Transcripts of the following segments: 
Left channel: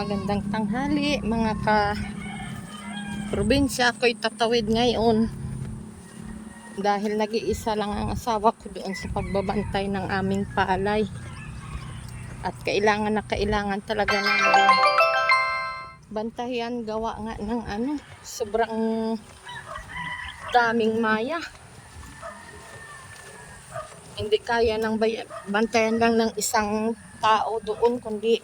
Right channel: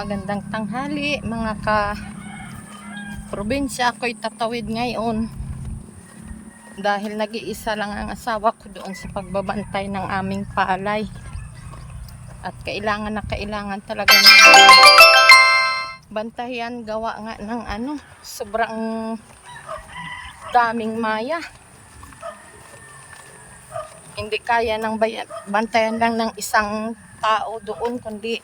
Magandang tanghali mga ka-probinsya. Ako'y tatawid ngayon dahil nag-iisa lang ang asawa ko doon sa pagbabantay ng aming palay. At kailangan na kailangan talaga ng bantayan, gawa nga ng sobrang daming maya. Hindi kaya ng bantayan lang ng isang tao doon, kundi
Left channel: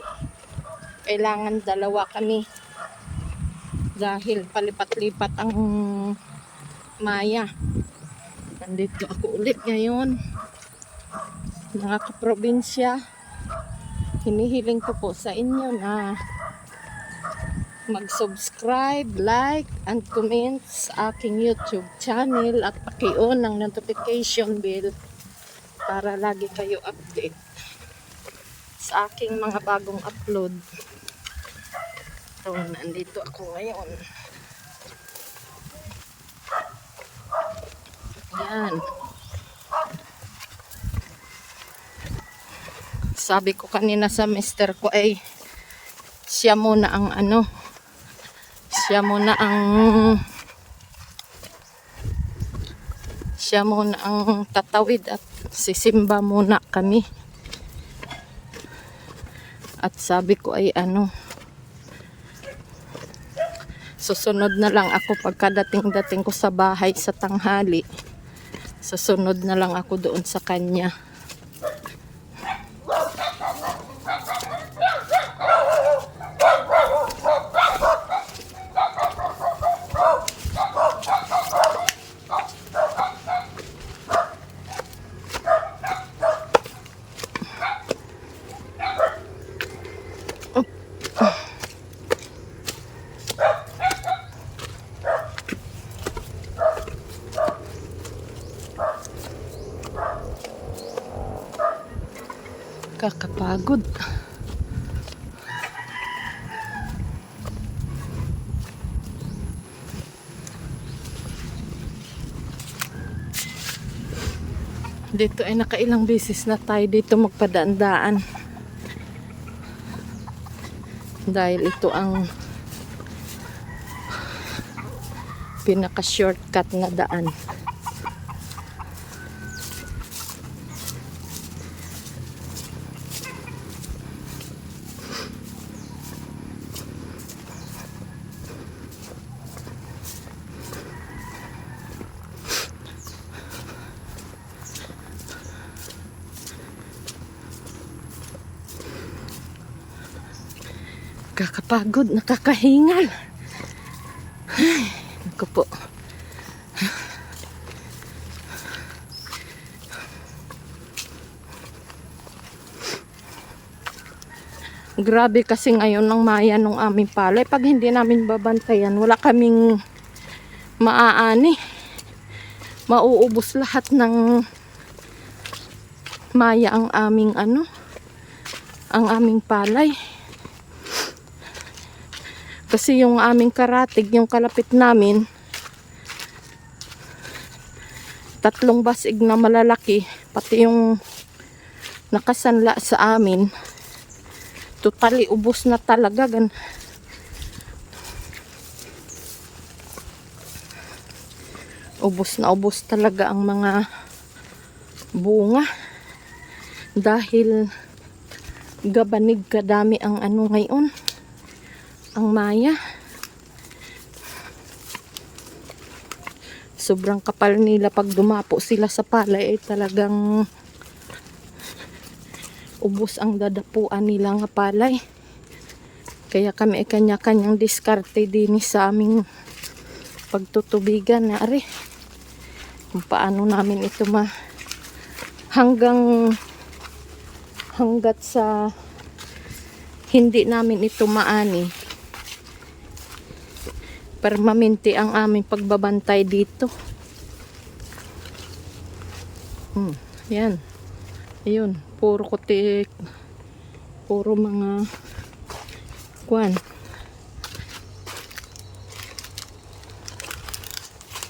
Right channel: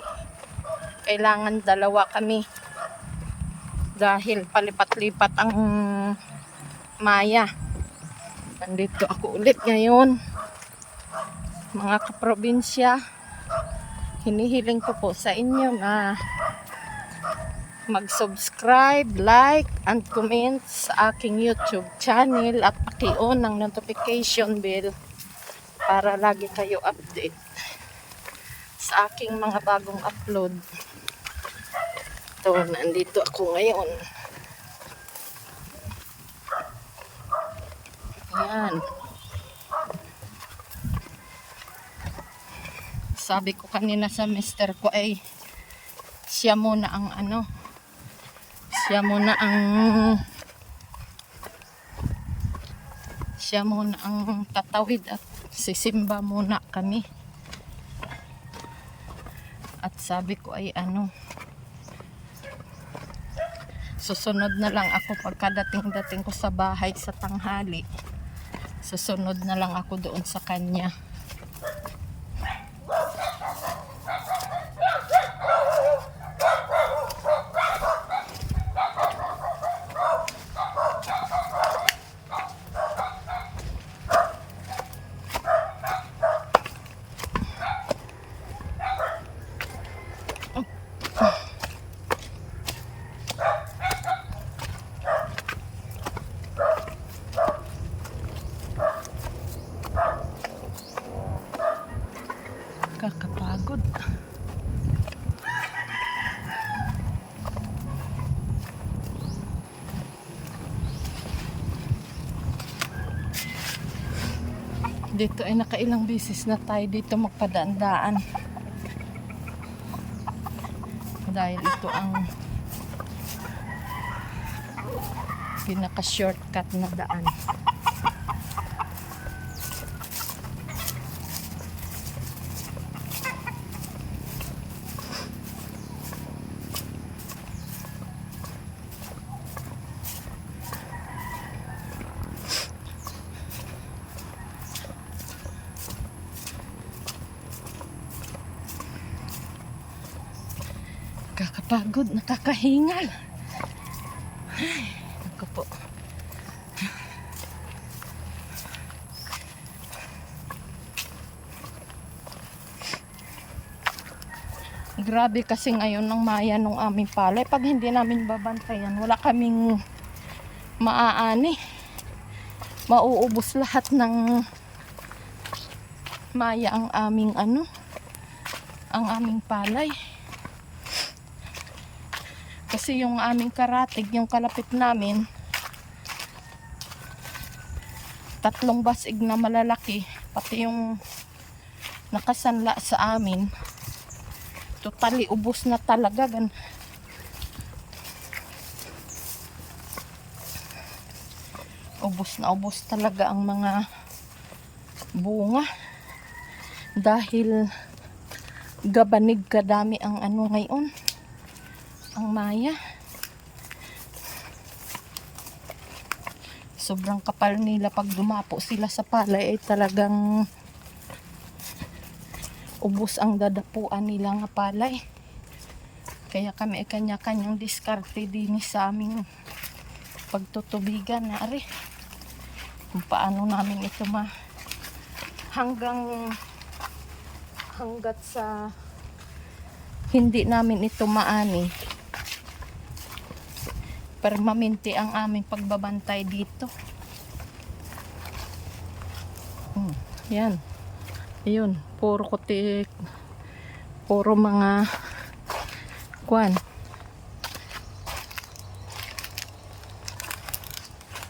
kailangan dalawa kami dahil palipat-lipat ang maya. Nandito ako ulit ngayon mga kaprobinsya. Hinihiling ko po sa inyo na mag-subscribe, like, and comment sa aking YouTube channel at paki-on ng notification bell para lagi kayo update sa aking mga bagong upload. So, nandito ako ngayon. Ayan. Sabi ko kanina sa mister ko ay siya muna ang tatawid at sisimba muna kami. At sabi ko ay susunod na lang ako pagkadating ko sa bahay sa tanghali. Susunod na lang ako doon sa kanya. Kakapagod. Dito ay nakailang beses na tayo dito magpadaan-daan dahil ito ang pinaka-shortcut na daan. Kakapagod, nakakahingal. Ay, ako po. Grabe kasi ngayon ang maya ng aming palay. Pag hindi namin babantayan, wala kaming maaani. Mauubos lahat ng maya ang aming palay. Kasi yung aming karatig, yung kalapit namin, 3 basig na malalaki, pati yung nakasanla sa amin, totally ubos na talaga. Ubos na ubos talaga ang mga bunga dahil gabanig kadami ang ngayon, ang maya. Sobrang kapal nila pag dumapo sila sa palay ay talagang ubos ang dadapuan nila nga palay. Kaya kami ay kanya-kanyang diskarte din sa aming pagtutubigan na kung paano namin ito hanggat sa hindi namin ito maani, permanente ang aming pagbabantay dito. Yan. Ayun, puro kutik, puro mga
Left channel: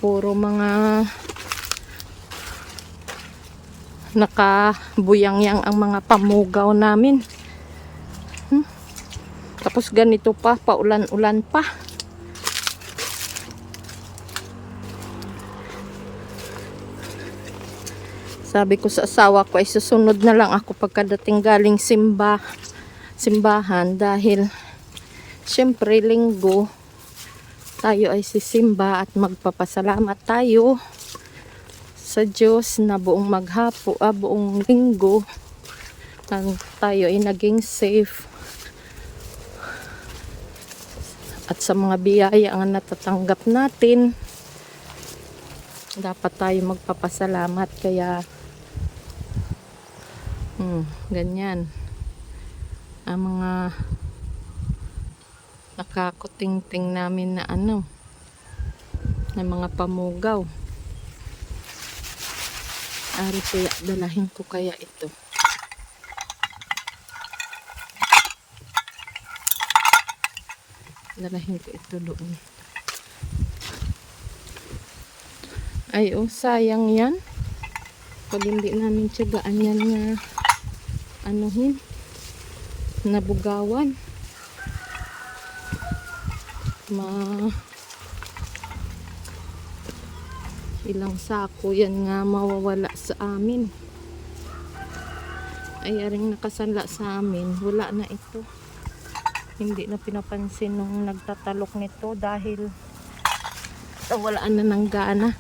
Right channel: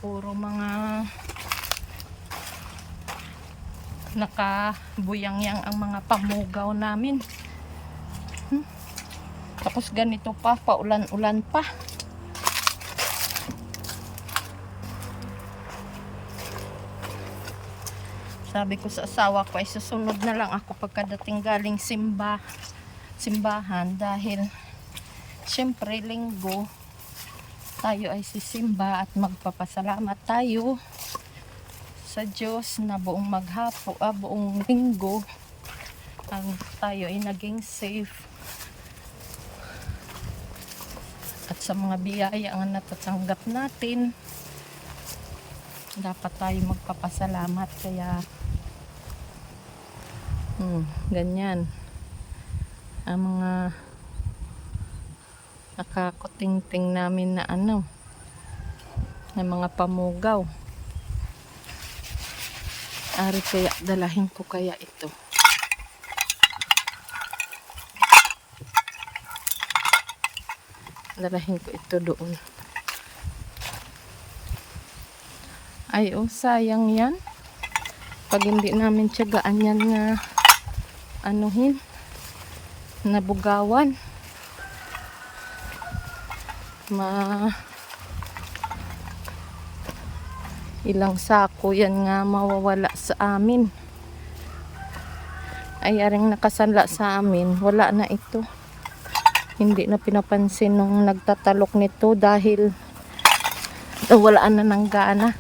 puro mga nakabuyang-yang ang mga pamugaw namin. Tapos ganito pa, paulan-ulan pa. Sabi ko sa asawa ko ay susunod na lang ako pagkadating galing simbahan dahil syempre linggo tayo ay sisimba at magpapasalamat tayo sa Diyos na buong buong linggo tayo ay naging safe at sa mga biyaya ang natatanggap natin dapat tayo magpapasalamat. Kaya ganyan ang mga nakakutingting namin na na mga pamugaw. Ari, kaya dalahin ko kaya ito. Dalahin ko ito doon. Ay, sayang yan. Pag hindi namin tiyagaan yan nga nabugawan. Ilang sako yan nga mawawala sa amin. Ay, aring nakasanla sa amin, wala na ito. Hindi na pinapansin nung nagtatalok nito dahil wala na ng gana.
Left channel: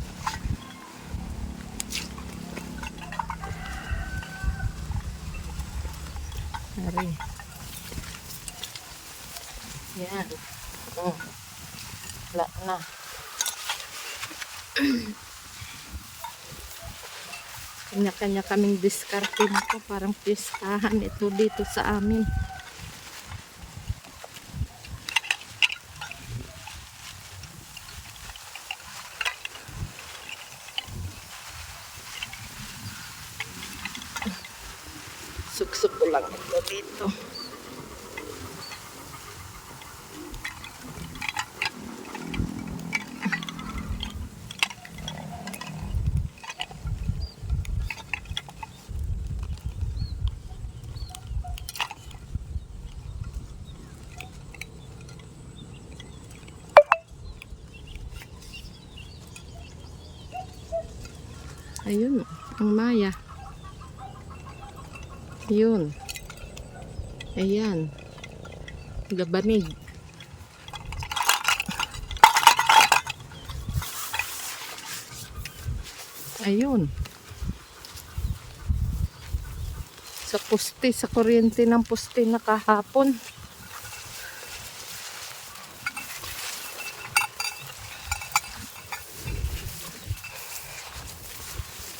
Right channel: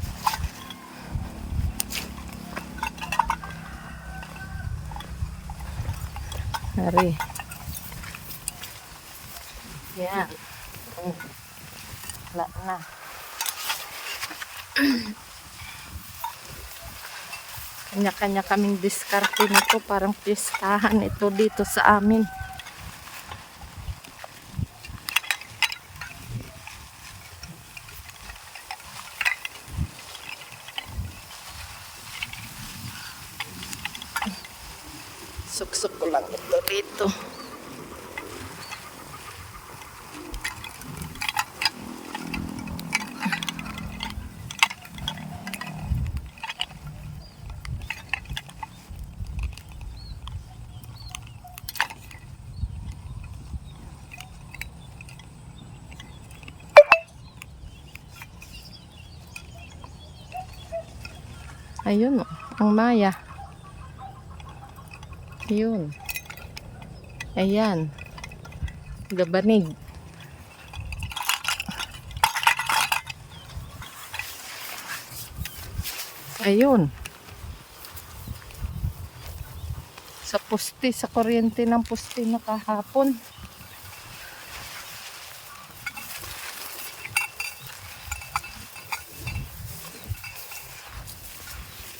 Hari. Yan. Wala na. Kanya-kanya kaming diskarte nito. Parang pistahan ito dito sa amin. Suksok ko lang ito dito. Ayun, ang maya. Yun. Ayan. Gabanig. Ayun. Sa poste, sa kuryente ng poste na kahapon.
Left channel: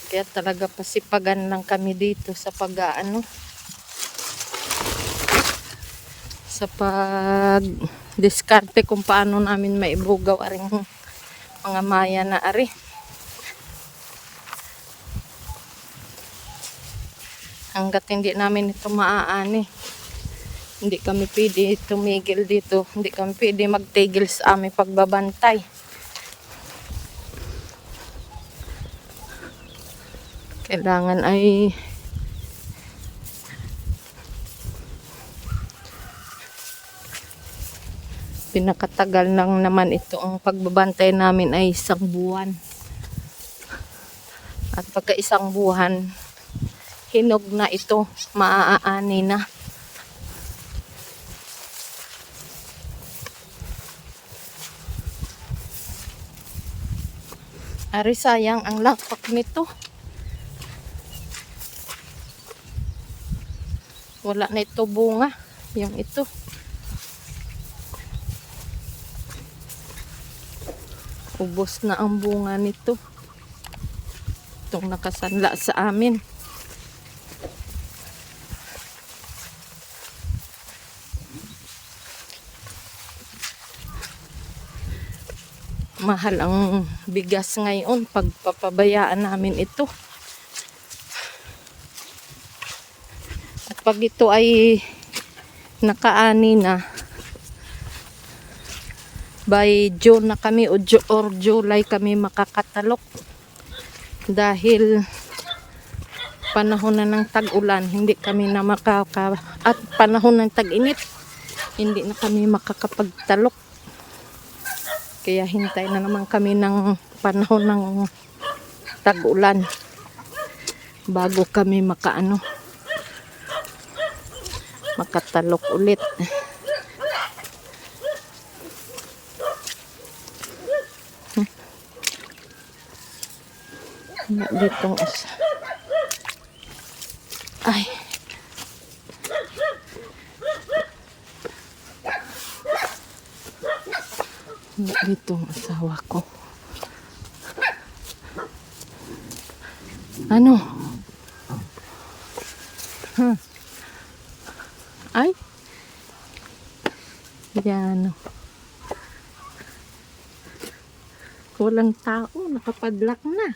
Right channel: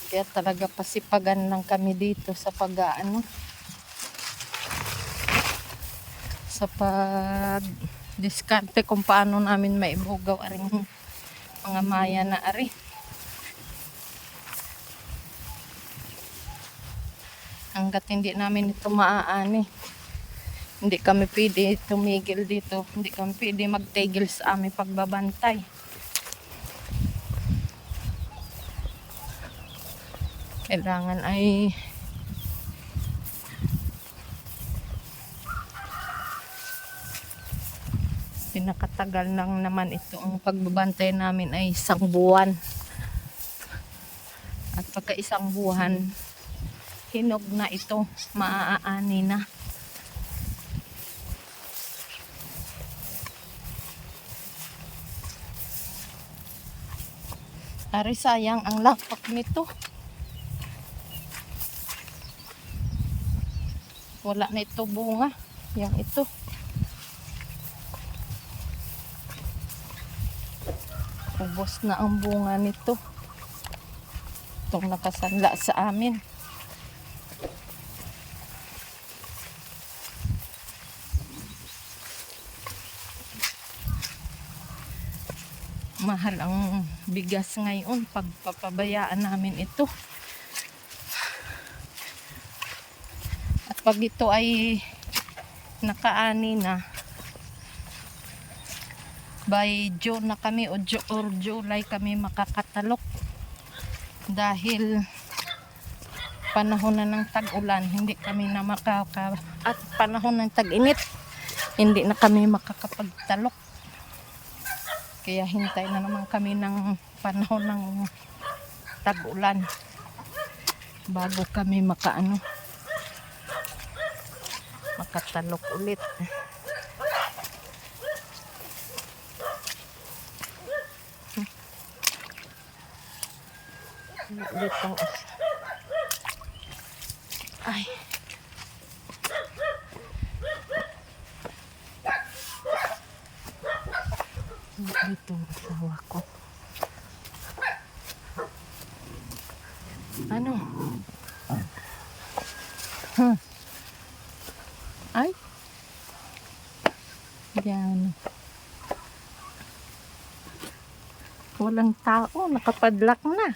Kaya talaga pasipagan lang kami dito sa sa pag-diskarte kung paano namin maibugaw aring mga maya na ari. Hanggat hindi namin ito maaani, hindi kami pwede tumigil dito, hindi kami pwede magtigil sa aming pagbabantay. Kailangan ay pinakatagal nang naman ito. Ang pagbabantay namin ay 1 buwan. At pagka 1 buwan, hinog na ito, maaani na. Ari, sayang ang lapak nito. Wala na ito bunga. Yung ito. Ubos na ang bunga nito. Itong nakasanla sa amin. Mahal ang bigas ngayon. Pagpapabayaan namin ito. Pag ito ay nakaani na, by June na kami or July kami makakatalok. Dahil panahon na ng tag-ulan, hindi kami na at panahon ng tag-init, hindi na kami makakapagtalok. Kaya hintay na naman kami ng panahon ng tag-ulan bago kami makatalok ulit. Ditong asa. Ay. Ditong asawa ko. Ano? Huh. Ay. Yan. Walang tao, nakapadlock na.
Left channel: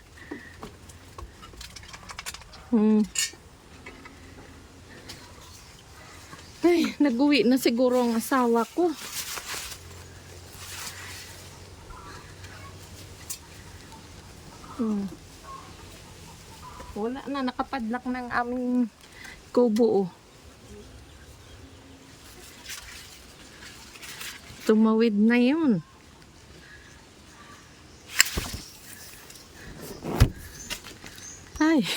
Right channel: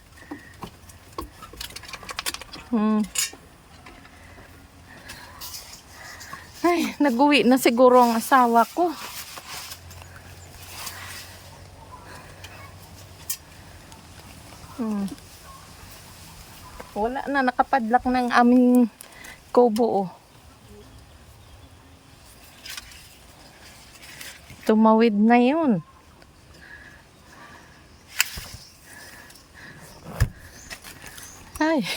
Ay, nag-uwi na siguro ang asawa ko. Wala na, nakapadlock ng aming kubo. Tumawid na yun. Ay.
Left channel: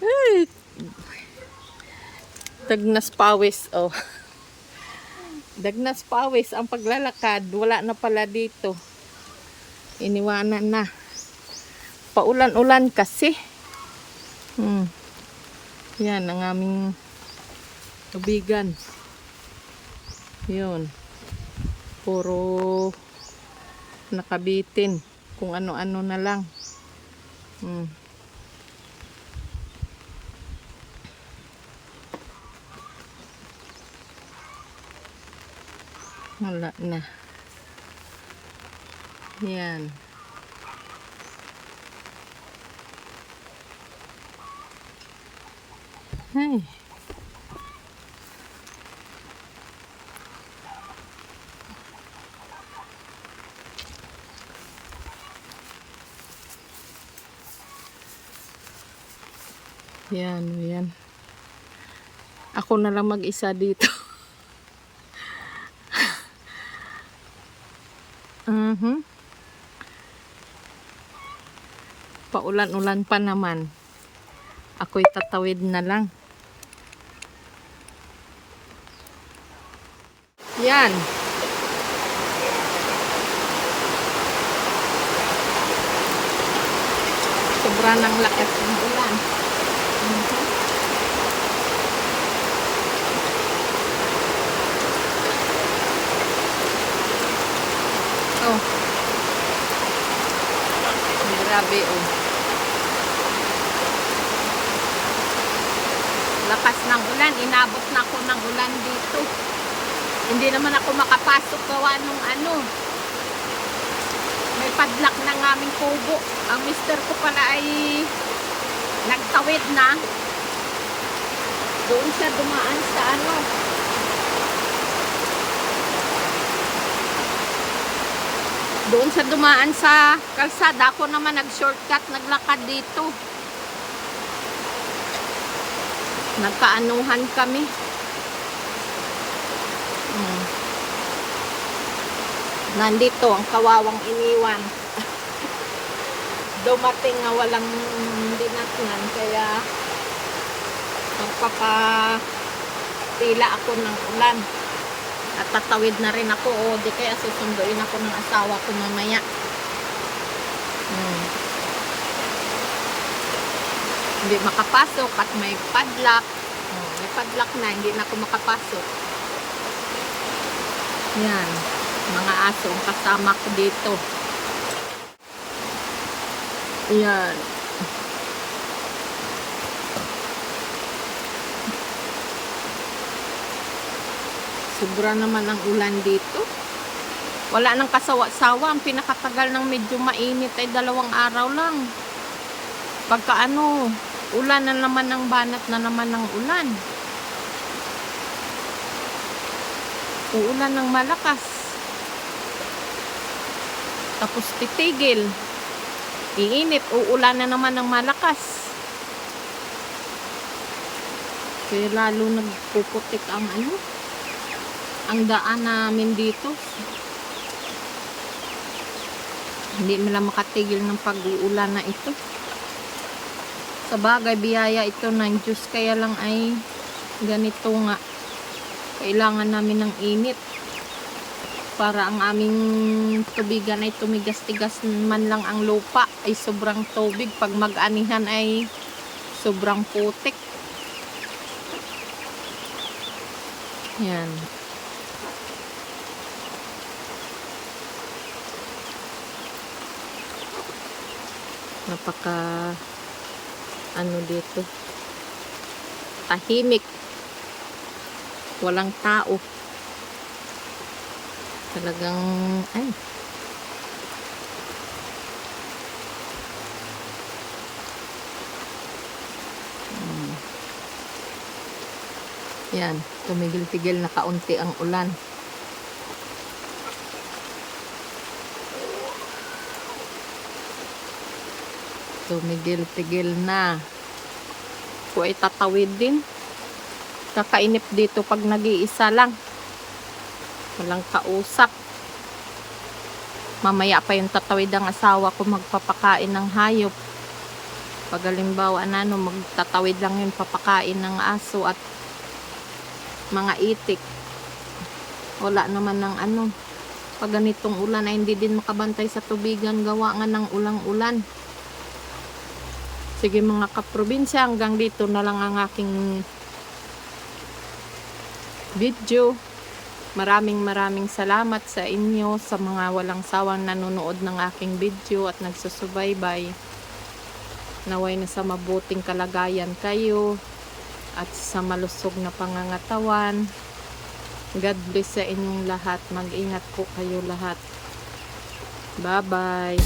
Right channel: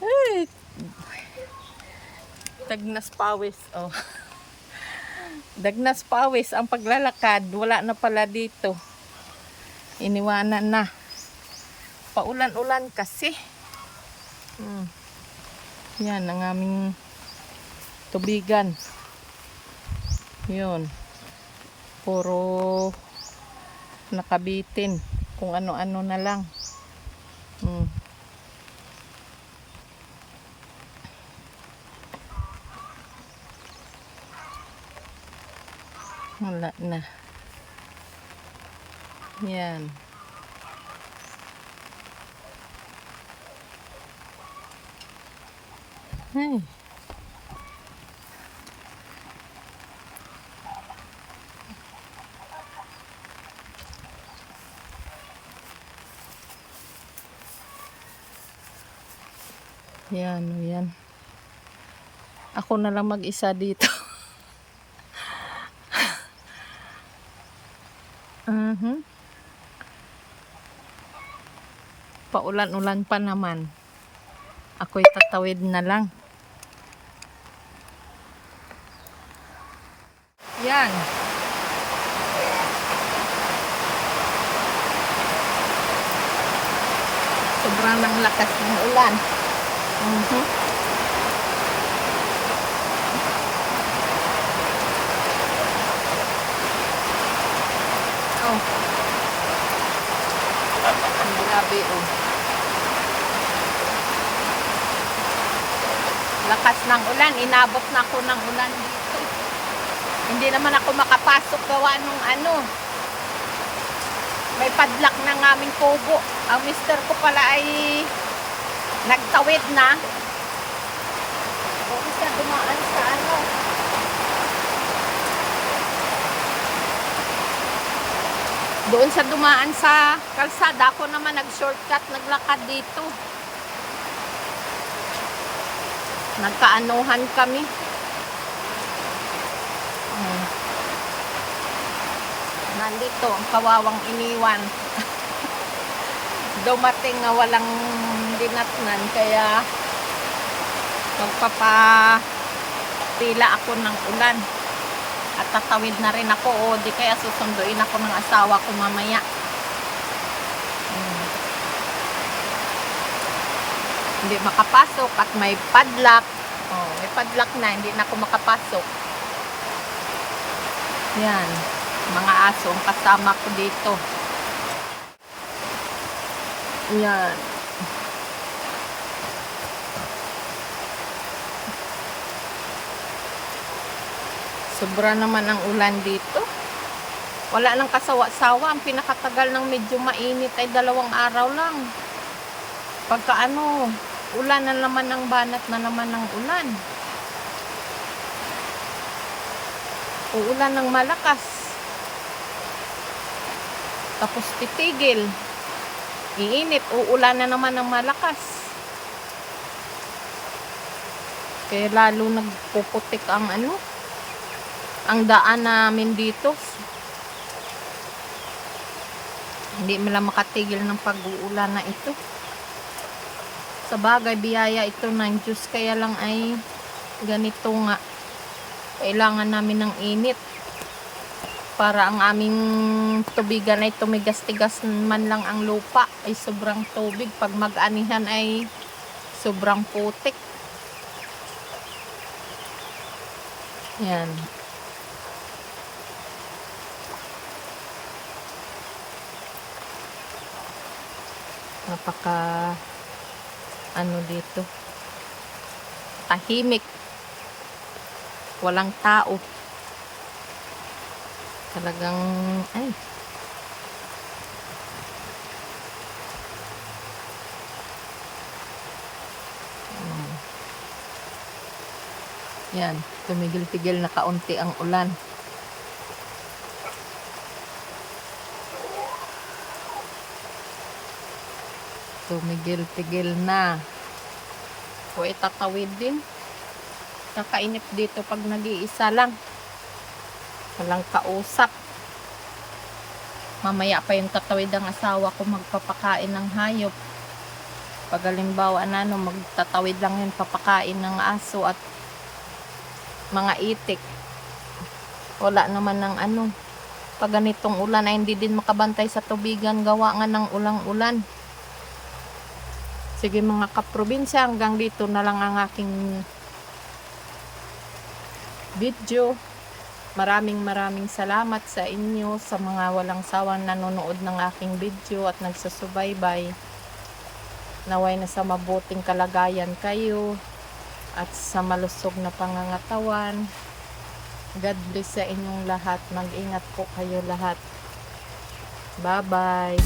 Ay. Dagnas pawis, oh. Dagnas pawis ang paglalakad. Wala na pala dito. Iniwanan na. Paulan-ulan kasi. Yan ang aming tubigan. Yun. Puro nakabitin. Kung ano-ano na lang. Wala na. Yan. Ay. Yan, yan. Ako na lang mag-isa dito. Paulan-ulan pa naman. Ako'y tatawid na lang. Yan. Sobra ng lakas ng ulan. Oh. Grabe, oh. Lakas ng ulan. Inabot na ako ng ulan dito. Hindi naman ako makapasok gawa nung ano. May padlock ng aming kubo. Ang mister ko pala ay nagtawid na. Doon siya dumaan sa ano. Doon siya dumaan sa kalsada. Ako naman nag-shortcut, naglakad dito. Nagkaanuhan kami. Nandito ang kawawang iniwan. Dumating nga walang dinatnan, kaya magpapatila ako ng ulan. At tatawid na rin ako, o di kaya susunduin ako ng asawa ko mamaya. Hindi makapasok at may padlock. Oh, may padlock na, hindi na ako makapasok. Yan, mga aso ang kasama ko dito. Yan. Sobra naman ang ulan dito. Wala nang kasawa-sawa. Ang pinakatagal ng medyo mainit ay 2 araw lang. Pagka ano, ulan na naman ng banat na naman ng ulan. Uulan ng malakas. Tapos titigil. Iinit, uulan na naman ng malakas. Kaya lalo nagpuputik ang ano, ang daan namin dito. Hindi mo lang makatigil ng pag-uulan na ito. Sa bagay, biyaya ito ng Diyos. Kaya lang ay ganito nga. Kailangan namin ng init. Para ang aming tubigan ay tumigas-tigas man lang ang lupa. Ay sobrang tubig. Pag mag-anihan ay sobrang putik. Yan. Napaka ano dito, tahimik, walang tao talagang. Ay, yan, tumigil-tigil na kaunti ang ulan. Tumigil-tigil na. Kung itatawid din, kakainip dito pag nag-iisa lang, walang kausap. Mamaya pa yung tatawid ang asawa ko magpapakain ng hayop. Pag halimbawa na magtatawid lang yun, papakain ng aso at mga itik. Wala naman ng pag ganitong ulan ay hindi din makabantay sa tubigan, gawa nga ng ulang-ulan. Sige mga kaprobinsya, hanggang dito na lang ang aking video. Maraming salamat sa inyo, sa mga walang sawang nanonood ng aking video at nagsusubaybay. Naway na sa mabuting kalagayan kayo at sa malusog na pangangatawan. God bless sa inyong lahat. Mag-ingat po kayo lahat. Bye-bye.